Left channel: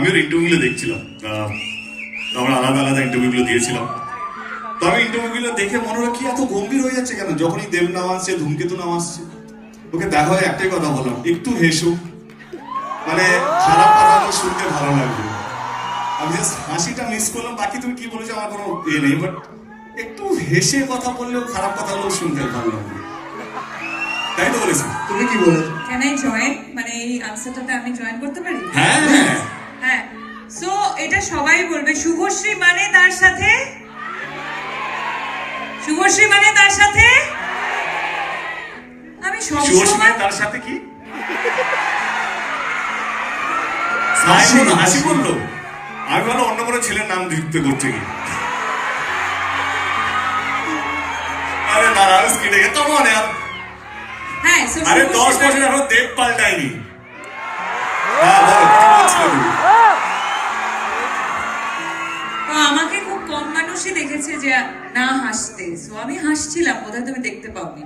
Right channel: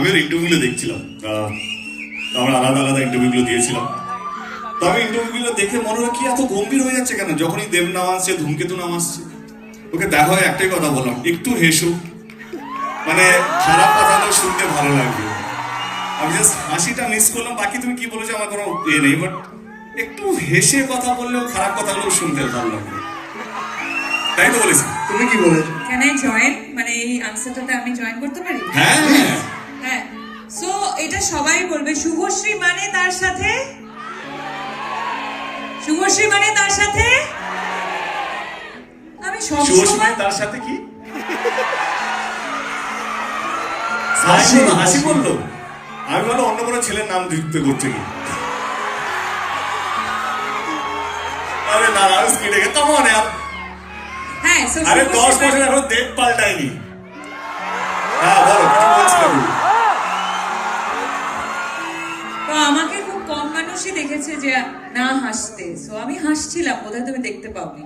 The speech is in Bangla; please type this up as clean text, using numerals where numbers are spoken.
আমি ওর ইন্টারভিউগুলো দেখছিলাম, আমরা আলাদা আলাদা ইন্টারভিউগুলো দিয়েছিলাম। তো আমি ইন্টারভিউগুলো দেখে মনে হয় কি এত গম্ভীর হয়ে যাচ্ছে কেন, যখনই দেব নাম আসছে, ধূমকেতু নাম আসছে, ওকে দেখা হয় একটাই কথা বললাম, একটু হেসো, মানে খারাপ কথা তো শুনতে ভালো লাগবে। আমি জাস্ট হাসিটা মিস করলাম, বাকি তুমি কি বলেছো আমার কোনো নেই, বাট একটু হেসে কথা বললেও খারাপ কথাগুলো শুনতে ভালো লাগবে, তাই তো বলেছি। তুমি কি বলেছো? ক্যান আই জয়েন, মানে এই আনসারটাতে আমি জয়েন করতে পারি? হ্যাঁ হ্যাঁ, সো এটা সবাই বলবে, শুভশ্রী মানে তার সাথে, শুভশ্রী মানে তার সাথে। আমি সবসময় তার সাথে কি হাসি বললো, আমি ভালো অন্য কোনো ছেলের নাম যুক্ত করছে কি। আরে নারাজ কি লেগে কেমন, হ্যাঁ, so আরে 10 শুভশ্রী বছর এখন দেব পাল্টায়নি। হ্যাঁ বলো কি বলছিলে তুমি? তো আমাকে খুব কম মানুষই দেখেছে যে না হাসতে, সো আমি হাসছিলাম, বোধহয় তুমি দেখতে পাওনি।